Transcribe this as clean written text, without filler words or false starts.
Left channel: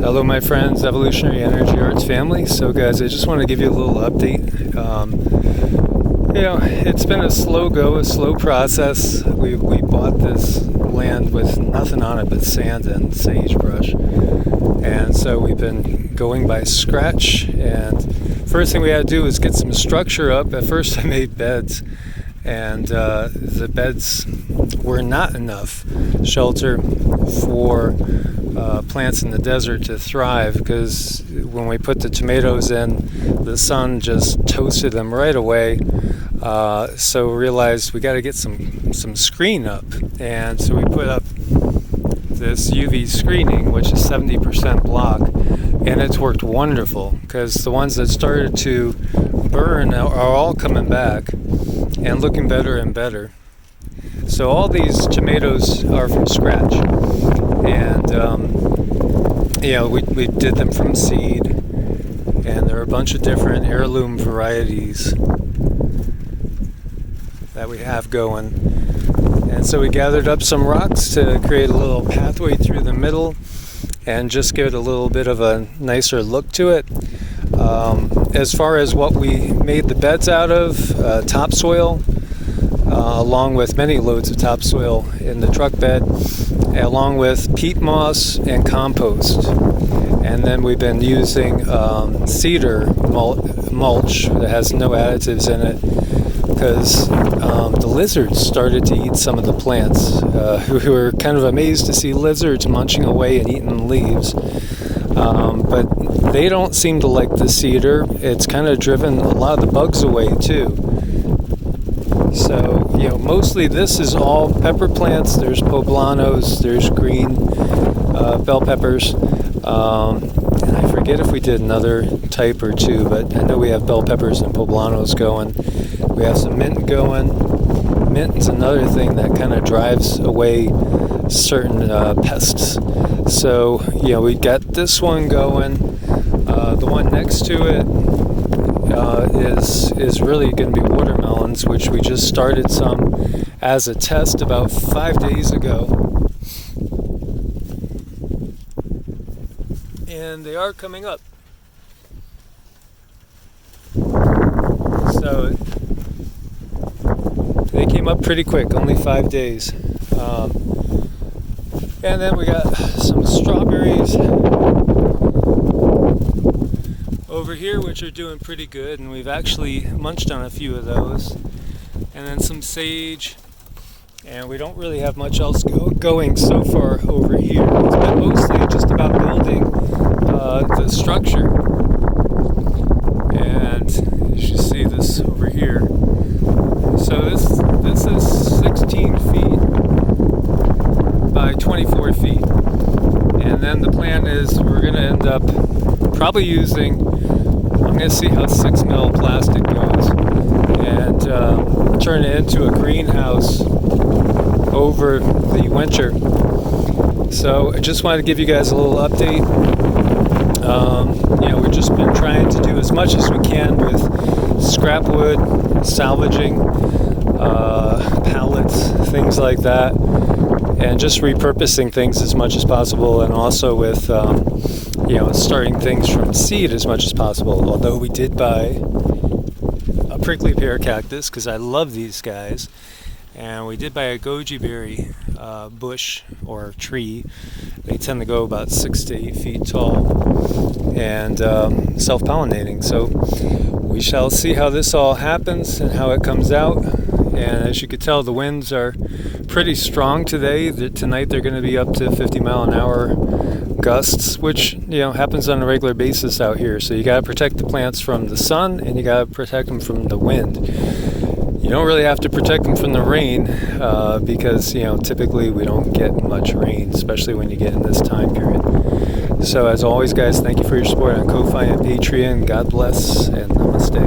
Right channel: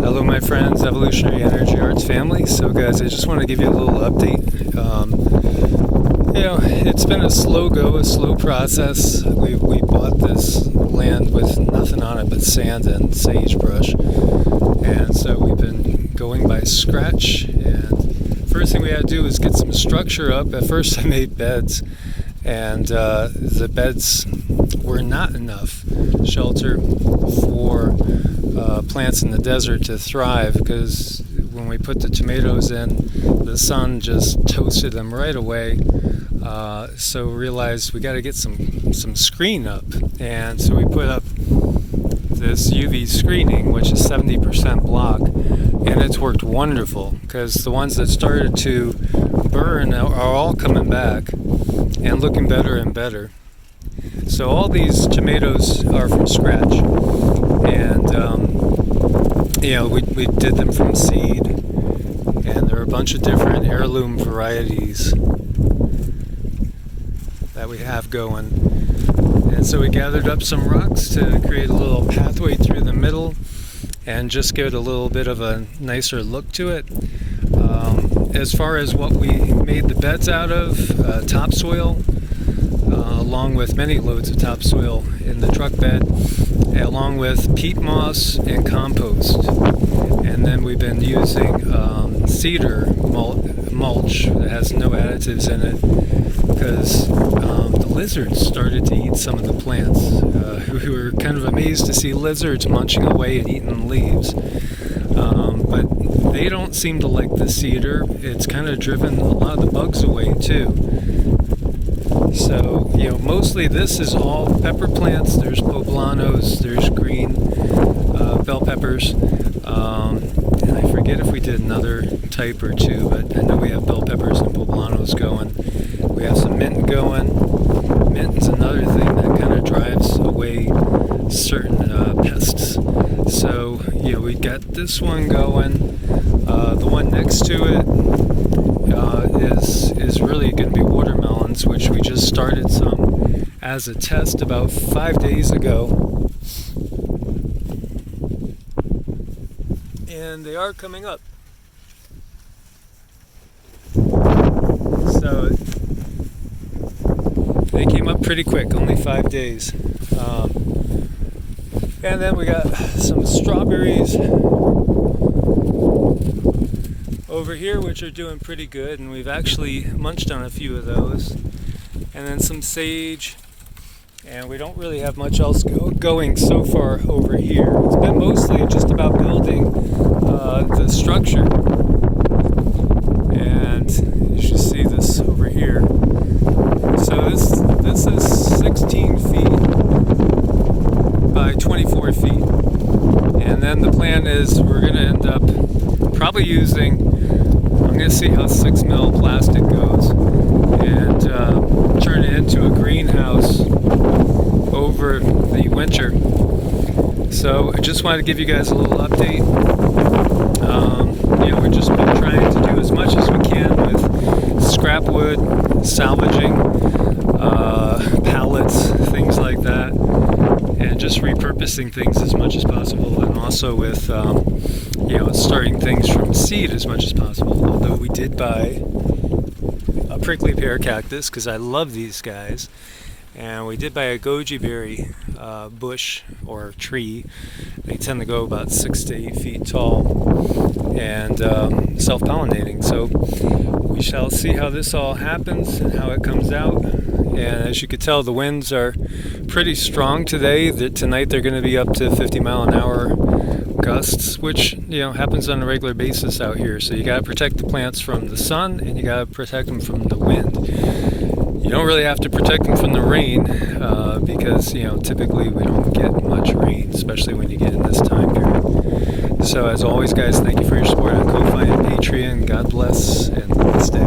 Hello my friends, Evolutionary Energy Arts family. So guys, I just want to give you a little update. It's been a slow go, a slow process. We bought this land with nothing on it but sand and sagebrush. And so we've been going by scratch, and first thing we had to do was get some structure up. At first I made beds, and the beds were not enough shelter for plants in the desert to thrive, because when we put the tomatoes in, the sun just toasted them right away. So we realized we got to get some screen up, and so we put up this UV screening, which is 70% block, and it's worked wonderful, because the ones that started to burn are all coming back and looking better and better. So all these tomatoes are from scratch, and we did them from seed, and there are a bunch of different heirloom varieties that we have going. And so we gathered up some rocks to create a little pathway through the middle and just give it a little bit of a nicer look to it. As far as what we made the beds out of, topsoil, along with many loads of topsoil in the truck bed, along with peat moss and compost. And then we've been using cedar mulch that has no additives in it, because the lizards started to eat some of the plants. We were kind of amazed to see lizards munching away and eating leaves. But they don't seem to like the cedar. It's kind of driven a lot of the bugs away too. So, mostly this is all pepper plants. There's poblanos, there's green bell peppers. I forget if we did another type or two, but I know we have bell peppers and poblanos going. We have some mint going. Mint is another thing that kind of drives away certain pests. So, we got this one going. The one next to it is really going to be watermelons, which we just started some as a test about 5 days ago. And they are coming up. So they came up pretty quick, only 5 days. And then we got some strawberries over here, which are doing pretty good, and we've actually munched on a few of those. And then some sage, and we don't really have much else going so far over here. It's been mostly just about building the structure. And you should see this over here. So this is 16 feet by 24 feet. And then the plan is we're going to end up probably using, I'm going to see how 6 mil plastic goes, and turn it into a greenhouse over the winter. So I just wanted to give you guys a little update. We're just trying to do as much as we can with scrap wood, salvaging pallets, things like that, and just repurposing things as much as possible, and also with starting things from seed as much as possible. Although we did buy a prickly pear cactus, because I love these guys, and we did buy a goji berry bush or tree. They tend to go about 6 to 8 feet tall and self-pollinating. So we shall see how this all happens and how it comes out. And as you could tell, the winds are pretty strong today. Tonight they're going to be up to 50 mile an hour gusts, which happens on a regular basis out here. So you got to protect the plants from the sun, and you got to protect them from the wind. You don't really have to protect them from the rain, because typically we don't get much rain, especially when you get in this time period. So as always, guys, thank you for your support on Ko-Fi and Patreon. God bless, and stay.